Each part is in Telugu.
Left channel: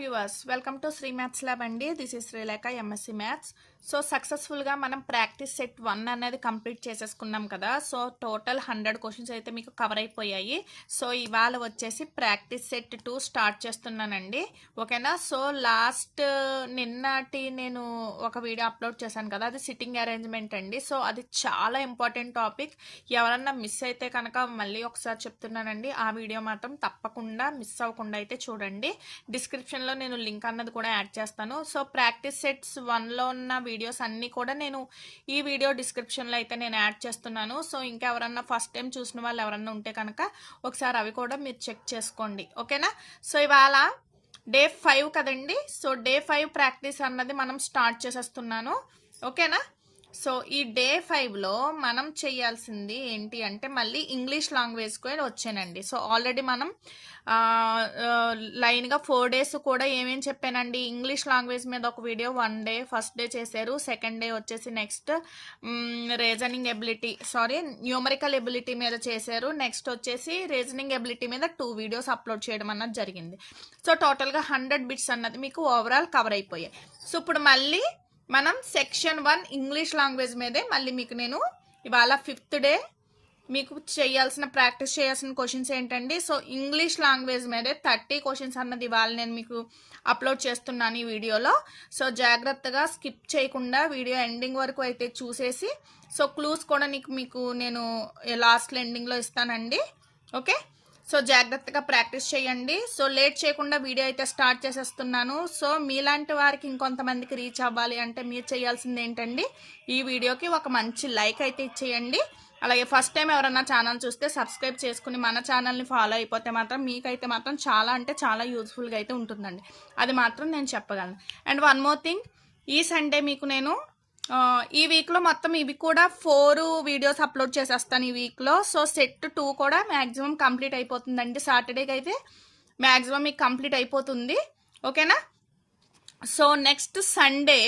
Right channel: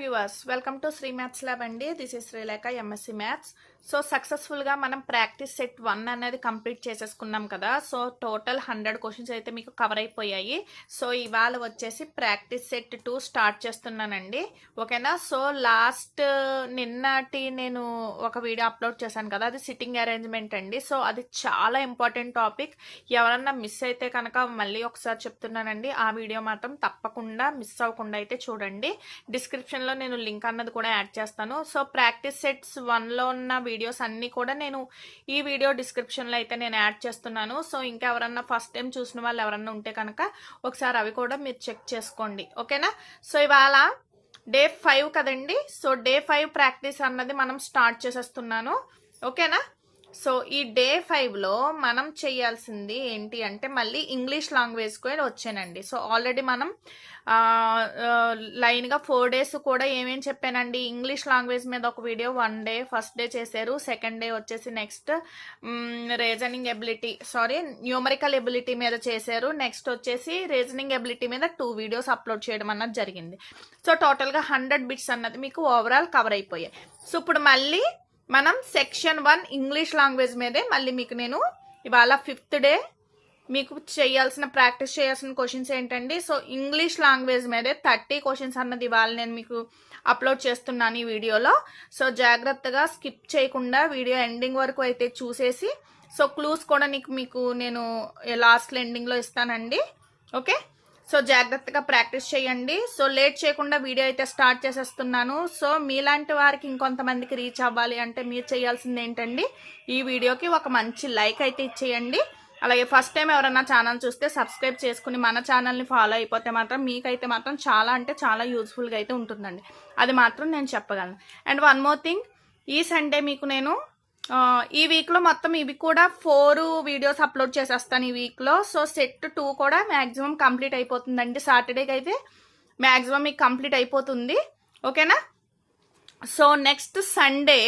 Viewers welcome to Sri maths lab అండి. This is Srilekha MSc maths. So సక్సెస్ఫుల్గా మనం ప్రాక్టీస్ సెట్ 1 అనేది కంప్లీట్ చేసేసుకున్నాం కదా. సో టోటల్ 100 క్వశ్చన్స్ అయితే మీకు కవర్ అయిపోయాయి. సో ఇవాళ వచ్చేసి ప్రాక్టీస్ సెట్ 2 స్టార్ట్ చేస్తున్నానండి. ఓకేనా. సో లాస్ట్ నిన్నటి నేను ఒక వీడియో అప్లోడ్ చేశాను కదా, అది సిట్టింగ్ అరేంజ్మెంట్ అండి. సో అది చాలా ఇంపార్టెంట్ టాపిక్. ఎవరన్నా మిస్ అయితే కనుక మళ్ళీ ఒకసారి చెప్తున్నానండి, ఆ వీడియో మాత్రం తప్పకుండా మిస్ అవ్వకుండా అయితే చూడండి. డిస్క్రిప్షన్లో నేను లింక్ అన్నది కూడా యాడ్ చేస్తాను. సో ప్రాక్టీస్ సెట్స్ 1లో ఉన్న వీడియోస్ అన్నీ కూడా నేను ఈ వీడియో డిస్క్రిప్షన్లో అయితే నేను యాడ్ చేస్తున్నాను. సో ఇంకా ఎవరన్నా ఫస్ట్ టైం చూసిన వాళ్ళు ఎవరన్నా ఉంటే కనుక ఒకసారి అవి కూడా మీరు చెక్ చేసుకోండి. ఓకేనా. సో ఇవాళ డే 5 కదండి. సో డే 5 ప్రాక్టీస్ అన్నది మనం స్టార్ట్ చేసేస్తున్నాను. ఓకేనా. సో ఈ డే 5లో మనం చేయాల్సింది ఏంటి అంటే మళ్ళీ ఇంగ్లీష్ లాంగ్వేజ్ కూడా వచ్చానండి. సో ఆల్రెడీ మనం లైన్గా 4 డేస్ కూడా ఏమేమి చెప్పానండి. ఇంగ్లీష్ లాంగ్వేజ్ మీద ఒక వీడియో 1 డే ఫస్ట్ డే చేశారు. సెకండ్ డే వచ్చేసి నెక్స్ట్ న్యూమరికల్ ఎబిలిటీ మీద చేశారు. నెక్స్ట్ వచ్చేసి రీజనింగ్ ఎబిలిటీ మీద 2 వీడియోస్ అప్లోడ్ చేయడం అన్నది జరిగింది. సో టోటల్గా 100 బిట్స్ అన్నది మీకు ఓవరాల్ కవర్ అయిపోయాయి. సో ఇప్పుడు మళ్ళీ మనం సెక్షన్ 1 ఇంగ్లీష్ లాంగ్వేజ్ మీదే మళ్ళీ మీకు నేను ఇవాళ 5th డే మీకు ప్రాక్టీస్ చేయాల్సిన క్వశ్చన్స్ ఏంటండి. సో ఇంగ్లీష్ లాంగ్వేజ్ మీదే 30 క్వశ్చన్స్ అన్నది ఇవాళ నేను మీకు అప్లోడ్ చేస్తున్నాను ఈ వీడియోలో. సో జాగ్రత్తగా స్కిప్ చేయకుండా వీడియో ఎండింగ్ వరకు అయితే చూసేసి, సో క్లూస్ కూడా మీకు నేను లాస్ట్ ఎండింగ్లో ఇస్తానండి. ఓకే. సో జాగ్రత్తగా ప్రాక్టీస్ చేయండి. సో లేట్ చేయకుండా వీడియో అయితే స్టార్ట్ చేసేస్తున్నాను. సో మీలాంటి వారికి ఇంకొంతమందికి రీచ్ అవ్వాలి అంటే మీరు చేయాల్సింది ఏంటండి, ఈ వీడియోకి ఒక మంచి లైక్ అయితే ఇచ్చేయండి. అలాగే ఫస్ట్ టైం ఎవరైనా ఛానల్ చూస్తే సబ్స్క్రైబ్ చేసుకుని మన ఛానల్ని ఫాలో అయిపోతే మాత్రం మీకైతే మాత్రం చాలా అంటే చాలా యూజ్ఫుల్గా అయితే ఉంటుందండి. అది మాత్రం నేను చెప్పగలను. అండ్ వన్ మోర్ థింగ్, ఈ సండే మీకు నేను ఈ వీక్లో మొత్తం ఇవి కూడా 4 వీడియోస్ అప్లోడ్ చేసేస్తాను ఈ వీక్లో. సో సెట్ 2 కూడా మ్యాక్సిమం కంప్లీట్ అయిపోతుందండి. సాటర్డేకి అయితే మ్యాక్సిమం మీకు కంప్లీట్ అయిపోతుంది. ఓకేనా. సో నెక్స్ట్ సండే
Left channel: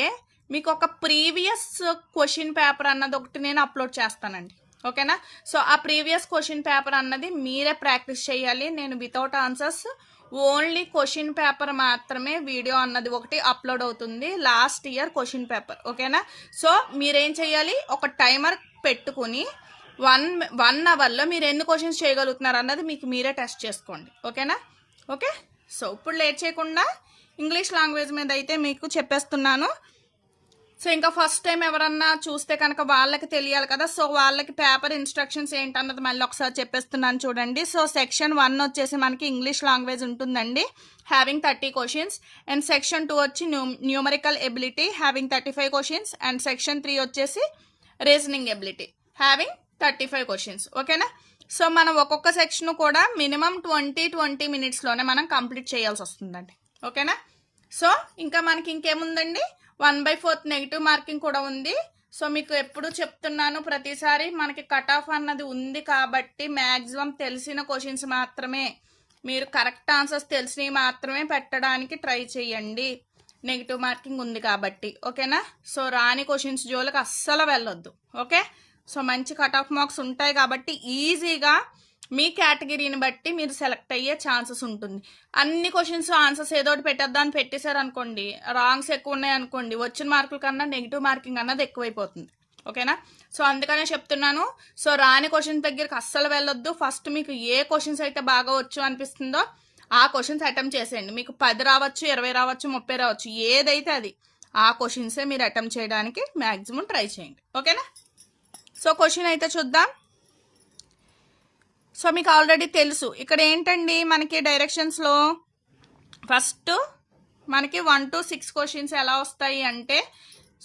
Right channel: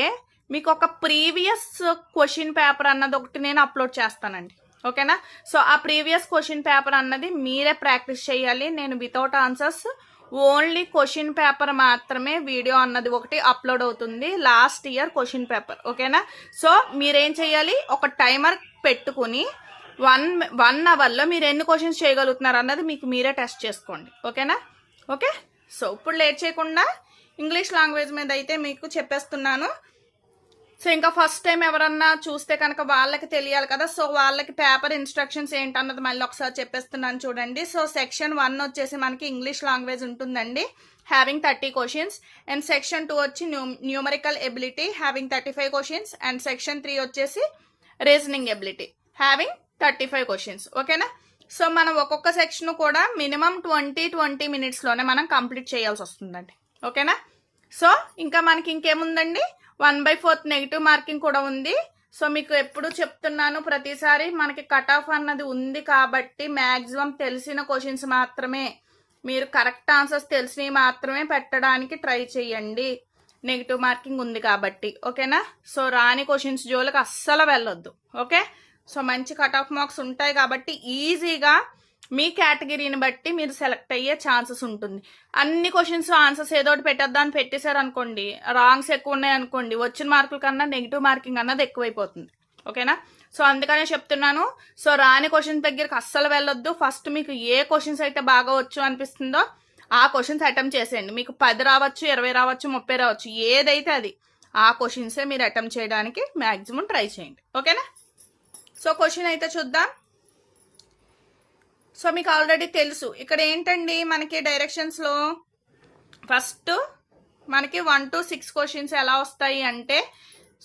మీకు ఒక ప్రీవియస్ క్వశ్చన్ పేపర్ అన్నది ఒకటి నేను అప్లోడ్ చేస్తానండి. ఓకేనా. సో ఆ ప్రీవియస్ క్వశ్చన్ పేపర్ అన్నది మీరే ప్రాక్టీస్ చేయాలి. నేను without answers only question paper మాత్రమే వీడియో అన్నది ఒకటి అప్లోడ్ అవుతుంది, లాస్ట్ ఇయర్ క్వశ్చన్ పేపర్. ఓకేనా. సో మీరేం చేయాలి, ఒక టైమర్ పెట్టుకుని 1 అవర్లో మీరు ఎన్ని క్వశ్చన్స్ చేయగలుగుతున్నారు అన్నది మీకు మీరే టెస్ట్ చేసుకోండి. ఓకేనా. ఓకే. సో ఇప్పుడు లేట్ చేయకుండా ఇంగ్లీష్ లాంగ్వేజ్ మీద అయితే మీకు చెప్పేస్తున్నాను. సో ఇంకా ఫస్ట్ టైం ఎవరన్నా చూస్తే కనుక వాళ్ళకి తెలియాలి కదా. సో వాళ్ళకి పేపర్ ఇన్స్ట్రక్షన్స్ ఏంటన్నది మళ్ళీ ఒకసారి చెప్పేస్తున్నాను చూడండి. సో సెక్షన్ 1 వచ్చేసి మనకి ఇంగ్లీష్ లాంగ్వేజ్ ఉంటుందండి, హ్యావింగ్ 30 క్వశ్చన్స్. అండ్ సెక్షన్ 2 వచ్చి numerical ability having 35 questions. And section 3 వచ్చేసి రీజనింగ్ ఎబిలిటీ హ్యావింగ్ 35 క్వశ్చన్స్. ఓకేనా. సో మనం ఒక్కొక్క సెక్షన్ కూడా మినిమం 20 మినిట్స్లోనే మనం కంప్లీట్ చేయాల్సి వస్తుందండి. ఓకేనా. సో ఇంకా మనకి ఇంకేముందండి, 1/4 నెగిటివ్ మార్కింగ్ కూడా ఉంది. సో మీకు ఎప్పుడు చెప్తున్నాను, ప్రతిసారి మనకి కట్ ఆఫ్ అన్నది ఉంది కాబట్టి మ్యాక్సిమం తెలిసిన క్వశ్చన్స్ మాత్రమే, మీరు కరెక్ట్ ఆన్సర్స్ తెలిసినవి మాత్రమే పెట్టడానికి ట్రై చేయండి, నెగిటివ్ మార్కింగ్ ఉంది కాబట్టి. ఓకేనా. సో రాని క్వశ్చన్స్ జోలికి అస్సలు వెళ్ళొద్దు. ఓకే. సో మంచి కట్ ఆఫ్ మార్క్స్ ఉంటాయి కాబట్టి ఈజీగా మీ కేటగిరీని బట్టి మీరు సెలెక్ట్ అయ్యే ఛాన్సెస్ ఉంటుంది. అన్ని క్వశ్చన్స్ ఆన్సర్స్ ఏదోటి పెట్టేద్దాన్ని పెట్టేశారు అనుకోండి, రాంగ్స్ ఎక్కువ ఉన్నాయి అనుకోండి, వచ్చిన మార్కుల కన్నా నెగిటివ్ మార్కింగ్ అన్నది ఎక్కువైపోతుంది. ఓకేనా. సో అందుకనే చెప్తున్నాను, సో రాని క్వశ్చన్స్ దగ్గరికి అస్సలు వెళ్ళొద్దు. ఫస్ట్ మీకు ఏ క్వశ్చన్స్ అయితే బాగా వచ్చు అనిపిస్తుందో ఆ క్వశ్చన్స్ అటెంప్ట్ చేసేయండి. మీకు 10 రావచ్చు, 20 రావచ్చు, 30 రావచ్చు, ఏదైతే అది ఆ క్వశ్చన్సే మీరు అటెంప్ట్ చేయడానికి మ్యాక్సిమం ట్రై చేయండి. ఓకేనా. సో క్వశ్చన్ అయితే చూద్దాం. సో మీకు ఆల్రెడీ తెలుసు ఇక్కడ ఏంటండి, మనకి డైరెక్షన్స్లో ఫస్ట్ మనకి 1 to 6 క్వశ్చన్స్ ఎలా వస్తాయి అంటే,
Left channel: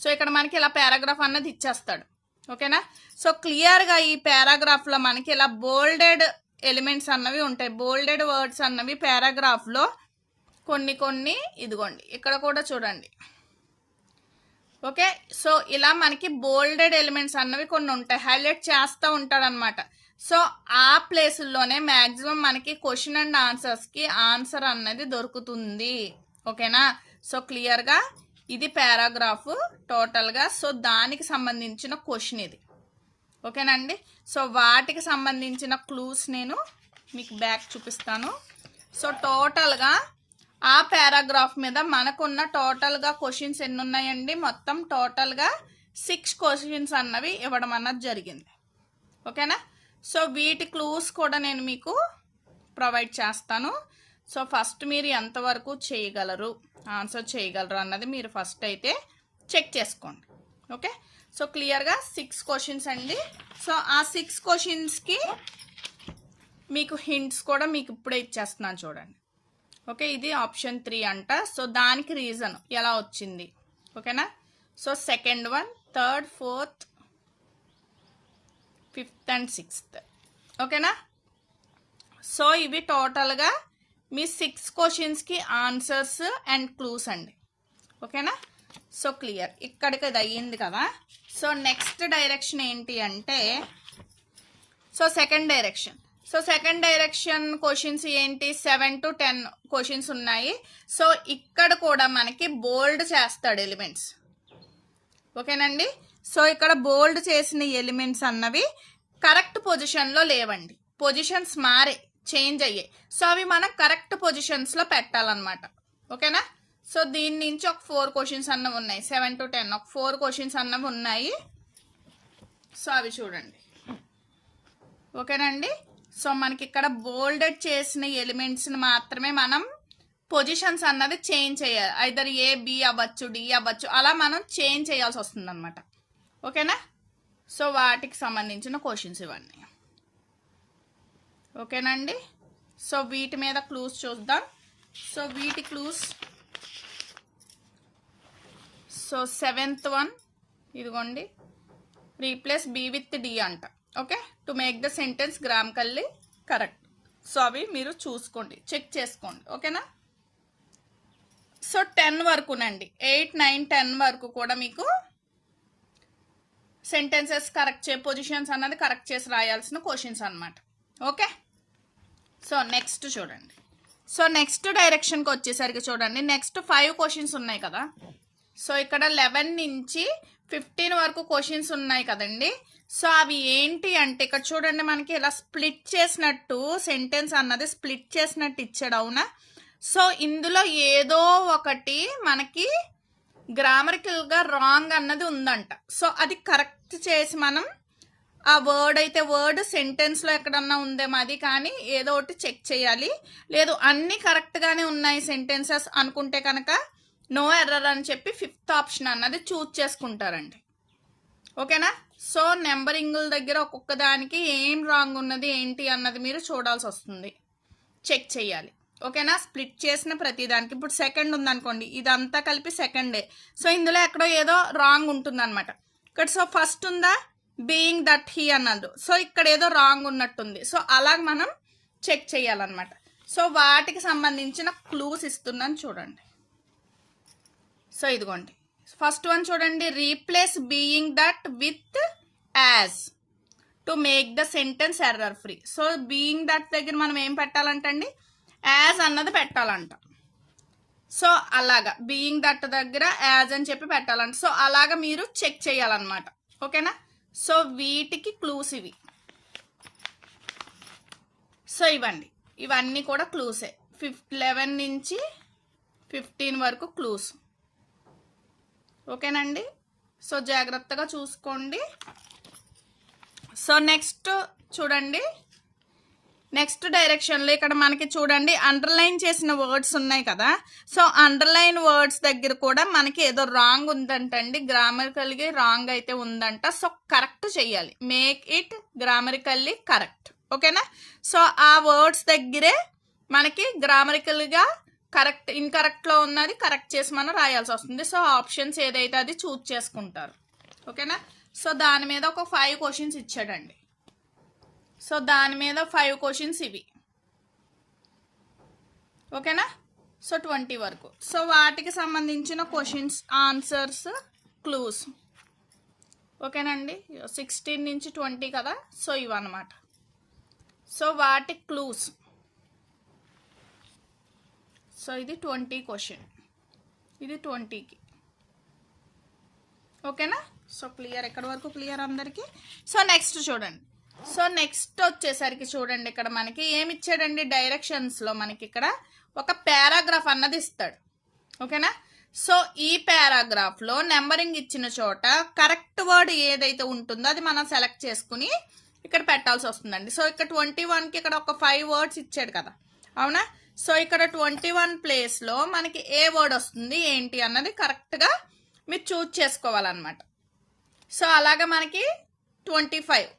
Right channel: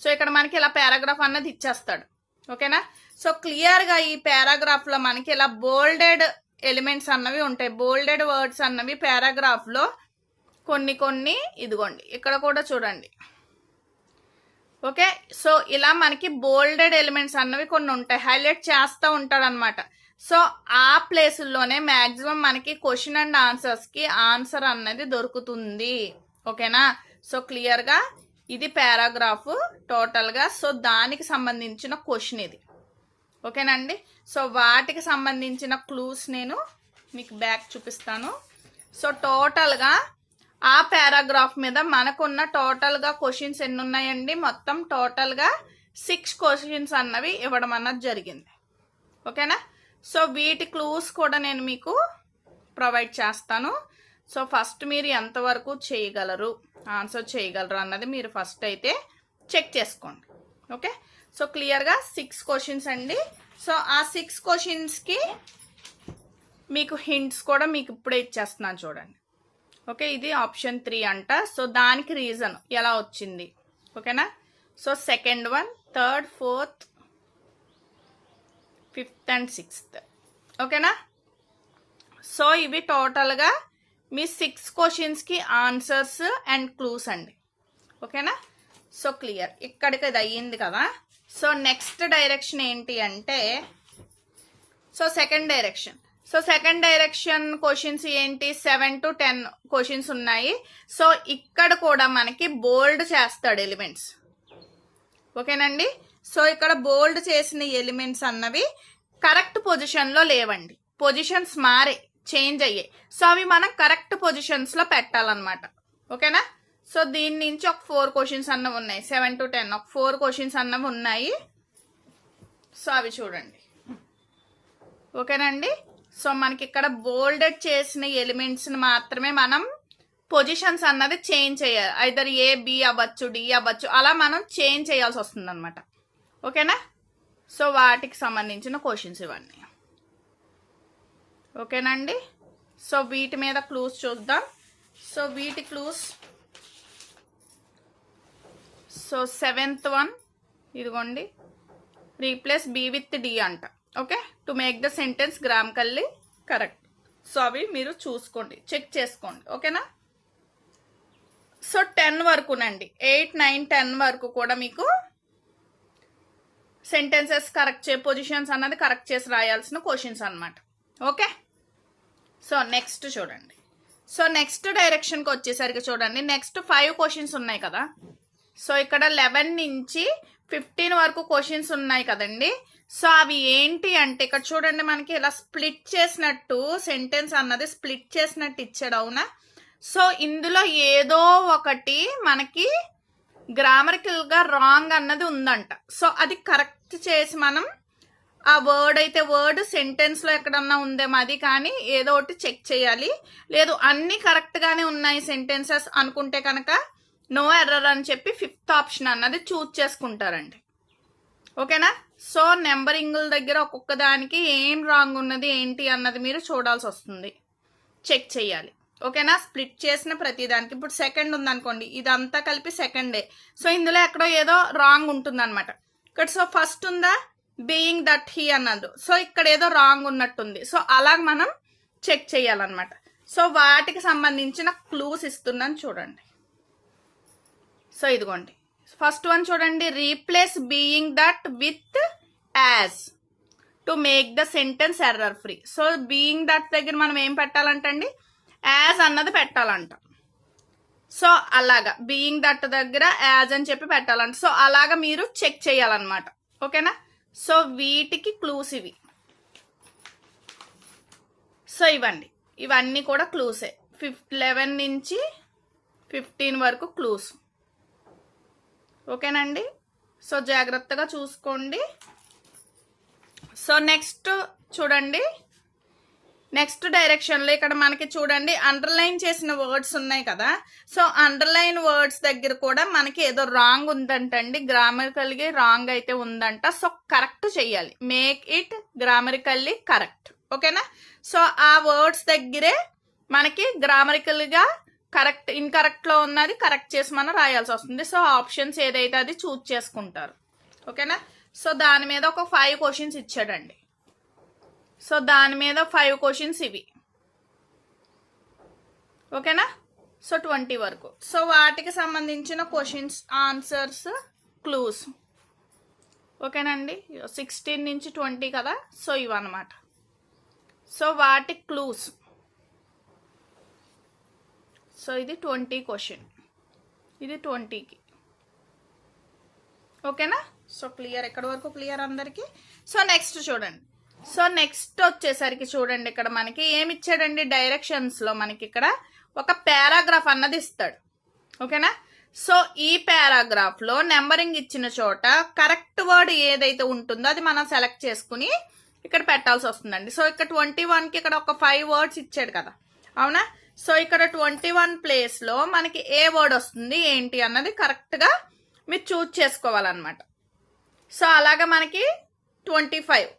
సో ఇక్కడ మనకి ఇలా పారాగ్రాఫ్ అన్నది ఇచ్చేస్తాడు. ఓకేనా. సో క్లియర్గా ఈ పారాగ్రాఫ్లో మనకి ఇలా బోల్డెడ్ ఎలిమెంట్స్ అన్నవి ఉంటాయి, బోల్డెడ్ వర్డ్స్ అన్నవి పారాగ్రాఫ్లో కొన్ని ఇదిగోండి ఇక్కడ కూడా చూడండి. ఓకే. సో ఇలా మనకి బోల్డెడ్ ఎలిమెంట్స్ అన్నవి కొన్ని ఉంటాయి, హైలైట్ చేస్తూ ఉంటాడు అనమాట. సో ఆ ప్లేసుల్లోనే మ్యాక్సిమం మనకి క్వశ్చన్ అండ్ ఆన్సర్స్కి ఆన్సర్ అన్నది దొరుకుతుంది. ఓకేనా. సో క్లియర్గా ఇది పారాగ్రాఫ్ టోటల్గా. సో దానికి సంబంధించిన క్వశ్చన్ ఇది. ఓకేనండి. సో వాటికి సంబంధించిన క్లూస్ నేను మీకు బ్యాక్ చూపిస్తాను. సో టోటల్గా ఆ పారాగ్రాఫ్ మీద మనకున్న టోటల్గా క్వశ్చన్స్ ఎన్ని ఉన్నాయండి, మొత్తం టోటల్గా 6 క్వశ్చన్స్ అన్నవి ఇవ్వడం అన్నది జరిగింది. ఓకేనా. సో వీటి క్లూస్ కూడా నేను మీకు ప్రొవైడ్ చేస్తాను. సో ఫస్ట్ మీరు ఎంతవరకు చేయగలరు, ఆన్సర్ చేయగలరు అన్నది మీరు ఫస్ట్ అయితే చెక్ చేసుకోండి. ఓకే. సో క్లియర్గా 6 క్వశ్చన్స్ అండి. సో ఆ 6 క్వశ్చన్స్కి మీకు హింట్స్ కూడా మీకు ఇప్పుడే ఇచ్చేస్తున్నాను చూడండి. ఓకే, ఇది ఆప్షన్ 3 అంట. సో దానికి రీజన్ ఎలా వచ్చింది. ఓకేనా. So second one, third, fourth, 5th and 6th. ఓకేనా. సో ఇవి టోటల్గా మీ 6 క్వశ్చన్స్కి ఆన్సర్స్ అండ్ క్లూస్ అండి. ఓకేనా. సో క్లియర్, ఇక్కడికి ఇది అయ్యింది కదా. సో నెక్స్ట్ డైరెక్షన్ ఏంటి అంటే, సో సెకండ్ డైరెక్షన్ క్వశ్చన్స్ ఏంటి, 7 to 10 క్వశ్చన్స్ ఉన్నాయి. సో ఇక్కడ కూడా మనకి బోల్డ్ చేస్తాడు ఎలిమెంట్స్. ఓకేనండి. సో ఇక్కడ బోల్డ్ చేసిన ఎలిమెంట్స్ అన్నవి కరెక్ట్ పొజిషన్లో లేవండి, పొజిషన్స్ మారే, చేంజ్ అయ్యాయి. సో అవి మనం కరెక్ట్ పొజిషన్స్లో పెట్టాలన్నమాట. ఓకేనా. సో దీని నుంచి ఒక 4 క్వశ్చన్స్ అన్నవి ఉన్నాయి, 7 to 10 ఒక 4 క్వశ్చన్స్ అన్నవి ఉన్నాయి. సో అవి చూడండి. ఓకేనండి. సో మనకి ఇక్కడ బోల్డెడ్ చేసిన ఎలిమెంట్స్ని మాత్రమే మనం పొజిషన్స్ అన్నది చేంజ్ చేయాలి. ఐదర్ ఏ, బి అవ్వచ్చు, డి అవ్వచ్చు, అలా మనం చేంజ్ చేయాల్సి వస్తుంది అనమాట. ఓకేనా. సో వాటికి సంబంధించిన క్వశ్చన్స్ ఇవన్నీ. ఓకేనండి. సో వీటి మీద క్లూస్ చూద్దాం. సో వీటి క్లూస్, సో 7th వన్ ఇదిగోండి, రీప్లేస్ బి విత్ డి అంట. Okay, to make the sentence grammatically correct. So అవి మీరు చూసుకోండి, చెక్ చేసుకోండి. ఓకేనా. సో 10 వరకునండి, 8, 9, 10 వరకు కూడా మీకు సెంటెన్సెస్ కరెక్ట్ పొజిషన్స్ అన్నది కరెక్ట్ చేసి రాయాల్సిన క్వశ్చన్స్ అనమాట. ఓకే. సో నెక్స్ట్ చూడండి. సో నెక్స్ట్ డైరెక్షన్కి వచ్చేసరికి చూడండి, నెక్స్ట్ 5 క్వశ్చన్స్ ఉన్నాయి కదా. సో ఇక్కడ 11 నుంచి 15 వరకు క్వశ్చన్స్ ఉన్నాయి కదండి. సో అవి ఏంటి అంటే ఇక్కడ చూడండి, మనకి ఇలా స్ప్లిట్ చేసినట్టు సెంటెన్స్ అన్నది స్ప్లిట్ చేసినట్టు ఇచ్చాడు. అవునా. సో ఇందులో ఏదో ఒకటి మనకి గ్రామరికల్గా రాంగ్ అన్నది ఉందంట. సో అది కరెక్ట్ చేసి మనం ఆ వర్డ్ అయితే వర్డ్ సెంటెన్స్లో ఎక్కడన్నా ఉందేమో అది కానీ ఏదో ఒకటి చెక్ చేయాలి. లేదు అన్నీ కరెక్ట్గానే ఉన్నాయి సెంటెన్సెస్ అనుకుంటే కనుక నో ఎర్రర్ అని చెప్పి 5th ఆప్షన్ అన్నది చూజ్ చేసుకుంటారండి. ఓకేనా. సో నెంబరింగుల దగ్గర ఒక్కొక్క దానికి ఏం రాంగ్ ఉన్నది ఏంటి అన్నది మీరు చూడాల్సి వస్తుంది, చెక్ చేయాలి. ఓకేనా. స్ప్లిట్ చేసిన ప్రతి దానికి, ఇప్పుడు సెకండ్ ఉందనుకోండి, ఇదంతా కలిపి సెకండే. సో ఇందులో ఎక్కడో ఏదో రాంగ్ ఉంటుంది అనమాట. ఇక్కడ సో ఫస్ట్ ఉందా, బీయింగ్ దట్ హీ అన్నది. సో ఇక్కడ ఏదో రాంగ్ ఉన్నట్టుంది. సో అలా మనం చెక్ చేయాలన్నమాట. సో వాటికి సంబంధించిన క్లూస్ ఇస్తున్నాను చూడండి. సో ఇదిగోండి, ఫస్ట్ వన్ చూడండి, replace being that with as to make the sentence error free. So being that దగ్గర మనం ఏం పెట్టాలంటండి, యాజ్ అన్నది పెట్టాలంట. సో అలాగా బీయింగ్ దట్ దగ్గర యాజ్ అని చెప్పి పెట్టాలంట. సో అలాగా మీరు చెక్ చేయాలన్నమాట. ఓకేనా. సో వీటికి క్లూస్ ఇవి. సో ఇవన్నీ కూడా క్లూసే. 11 నుంచి 15 వరకు క్లూస్. ఓకేనండి. సో జాగ్రత్తగా చూసుకోండి. సో నెక్స్ట్ చూడండి, నెక్స్ట్ డైరెక్షన్లో ఇక్కడ మనకి చూడండి అండర్లైన్ చేసిన వర్డ్స్ ఉన్నాయి కదా. సో అండర్లైన్ వర్డ్స్ దగ్గర కూడా మనకి ఏదో రాంగ్ ఉందంటండి, గ్రామరికల్గా రాంగ్ అయితే ఉందంట. సో కరెక్ట్ చేయాలి, మేక్ ఇట్ గ్రామరికల్లీ కరెక్ట్. ఓకేనా. సో ఆ వర్డ్స్ దగ్గరే మనకి గ్రామరికల్గా కరెక్ట్ ఇన్కరెక్ట్లో ఉన్నది కరెక్ట్ చేసి మనం రాయాల్సి వస్తుంది. సో ఆప్షన్స్ ఏదైతే అది చూజ్ చేసుకుంటారు. ఓకేనా. సో దాని మీద ఒక 5 క్వశ్చన్స్ ఇచ్చాడండి. సో దాని మీద 5 క్వశ్చన్స్ ఇవి. ఓకేనా. సో 20 వరకు. సో వాటికి సంబంధించిన క్వశ్చన్స్, ఆన్సర్స్, క్లూస్. ఓకేనండి. 16 నుంచి 20 కదా. సో ఇవన్నమాట. సో వాటి క్లూస్. సో ఇది 20 క్వశ్చన్, ఇది 20కి. ఓకేనా. సో క్లియర్, ఎక్కడి వరకు క్లియర్ అందరికీ. సో నెక్స్ట్ చూడండి. సో నెక్స్ట్ వచ్చేసరికి చూడండి, ఇక్కడ మనకి ఏమి ఇచ్చాడండి, డైరెక్షన్స్లో మనకి ఇక్కడ ఒక పారాగ్రాఫ్ అన్నది ఇస్తాడు. ఓకేనా? సో ఈ పారాగ్రాఫ్లో నెంబరింగ్ ఇచ్చిన చోట కరెక్ట్ వర్డ్ ఏదైతే ఉంటుందో అది మనం సెలెక్ట్ చేసుకుని ఇక్కడ పెట్టాల్సి వస్తుందండి. సో ఇక్కడ 21కి ఇక్కడ ఒక 5 వర్డ్స్ ఇచ్చాడు కదా, అవునా? సో ఇక్కడ 21 ప్లేస్లో మనకి ఏ వర్డ్ వస్తుంది ఏంటి అన్నది కరెక్ట్గా మీరు చూజ్ చేసుకోవాలన్నమాట. సో అలాగా మనకి 25th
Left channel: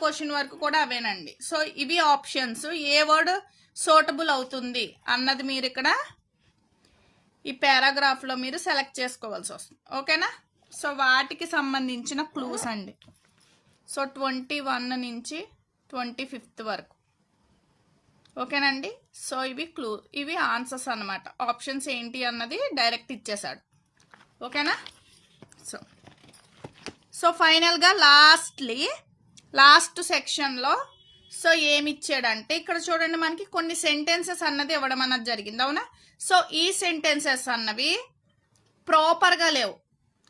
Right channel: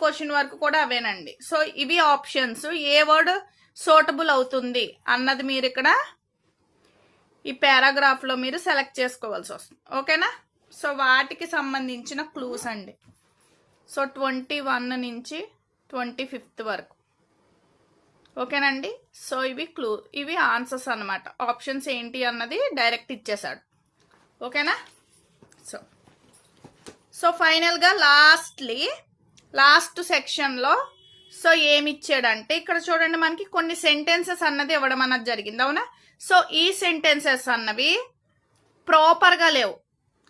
క్వశ్చన్ వరకు కూడా అవేనండి. సో ఇవి ఆప్షన్స్. ఏ వర్డ్ సూటబుల్ అవుతుంది అన్నది మీరు ఇక్కడ ఈ పారాగ్రాఫ్లో మీరు సెలెక్ట్ చేసుకోవాల్సి వస్తుంది. ఓకేనా? సో వాటికి సంబంధించిన క్లూస్ అండి. సో 21 నుంచి 25th వరకు. ఓకేనండి? సో ఇవి ఆన్సర్స్ అన్నమాట. ఆప్షన్స్ ఏంటి అన్నది డైరెక్ట్ ఇచ్చేసాడు. ఓకేనా? సో ఫైనల్గా లాస్ట్ సెక్షన్లో సో ఏమి ఇచ్చాడంటే ఇక్కడ చూడండి, మనకి కొన్ని సెంటెన్సెస్ అన్నది ఇవ్వడం అన్నది జరిగింది, అవునా? సో ఈ సెంటెన్సెస్ అన్నవి ప్రాపర్గా లేవు,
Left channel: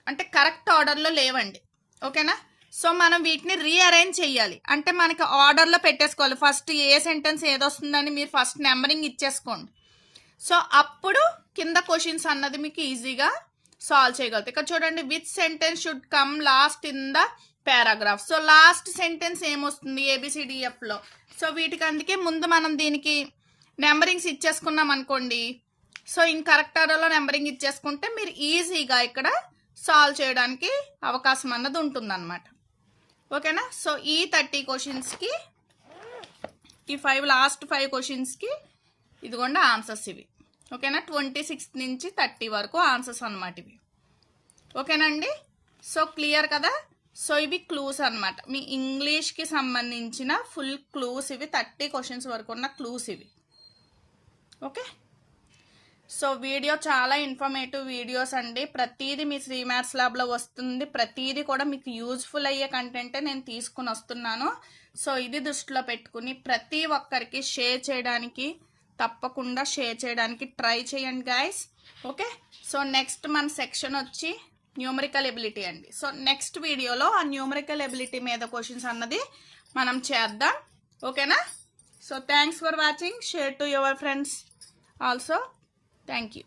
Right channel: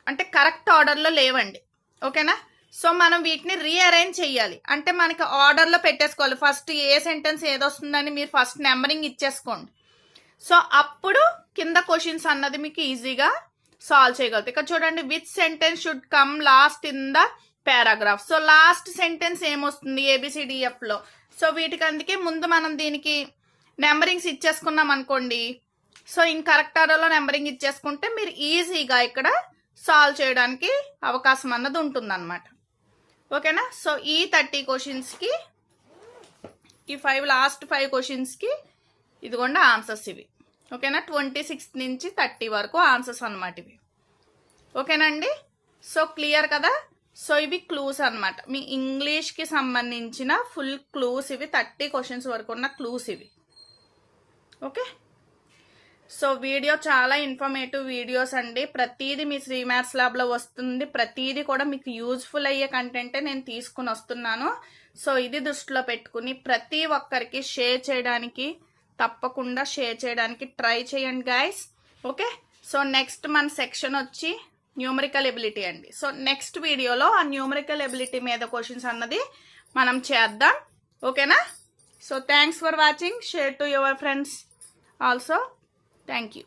అంటే కరెక్ట్ ఆర్డర్లో లేవండి. ఓకేనా? సో మనం వీటిని రీఅరేంజ్ చేయాలి. అంటే మనకి ఆర్డర్లో పెట్టేసుకోవాలి. ఫస్ట్ ఏ సెంటెన్స్ ఏదొస్తుందని మీరు ఫస్ట్ నెంబరింగ్ ఇచ్చేసుకోండి. సో అప్పుడు కింద క్వశ్చన్స్ అన్నది మీకు ఈజీగా సాల్వ్ చేయగలుగుతాయి. ఇక్కడ చూడండి, which sentence should come last in the paragraph. So last sentence ఏమొస్తుంది ABCDFలో. సో వీటికి అందుకే ముందు మనం దీనికి నెంబరింగ్స్ ఇచ్చేసుకున్నాం అనుకోండి. సో కరెక్ట్ ఆర్డర్లో నెంబరింగ్ ఇచ్చేసుకుంటే మీరు ఈజీగా ఇక్కడ సాల్వ్ చేయడానికి అవకాశం అన్నది ఉంటుందన్నమాట. ఓకేనా? సో ఈ 30 క్వశ్చన్స్కి ఈ లాస్ట్ 5 క్వశ్చన్స్కి ఇదిగోండి ఆన్సర్స్ ఇవి. ఓకేనా? 26 నుంచి 30 వరకు ఆన్సర్స్ అన్నమాట ఇవి. ఓకేనండి? సో క్లియర్ కదా? సో ఇవి క్లూస్ అన్నమాట. మీ ఇంగ్లీష్కి సంబంధించిన ఫుల్ క్లూస్ ఇవి. 30 క్వశ్చన్స్ వరకు ఉన్న క్లూస్ ఇవి. ఓకే? సో వీడియో చాలా ఇన్ఫర్మేటివ్ వీడియోస్ అండి. ప్రతిదీ మీ శ్రీ మ్యాథ్స్ ల్యాబ్లో వస్తుంది. ప్రతిదీ కూడా మీకు యూజ్ఫుల్ అయ్యే కంటెంటే నేను తీసుకుని వస్తున్నాను. సో ఇది దృష్టిలో పెట్టుకుని ప్రతి ఒక్కరికి తప్పకుండా షేర్ చేయడానికి ట్రై చేయండి గైస్. ఓకే? సో నెక్స్ట్ మన సెక్షన్ వచ్చి న్యూమరికల్ ఎబిలిటీ అండి. సో నెక్స్ట్ వీడియోలో ఆ న్యూమరికల్ ఎబిలిటీ మీద క్వశ్చన్స్ అన్నది మనం చేద్దాం. ఓకేనా? So thanks for watching. Share to your friends also. Thank you.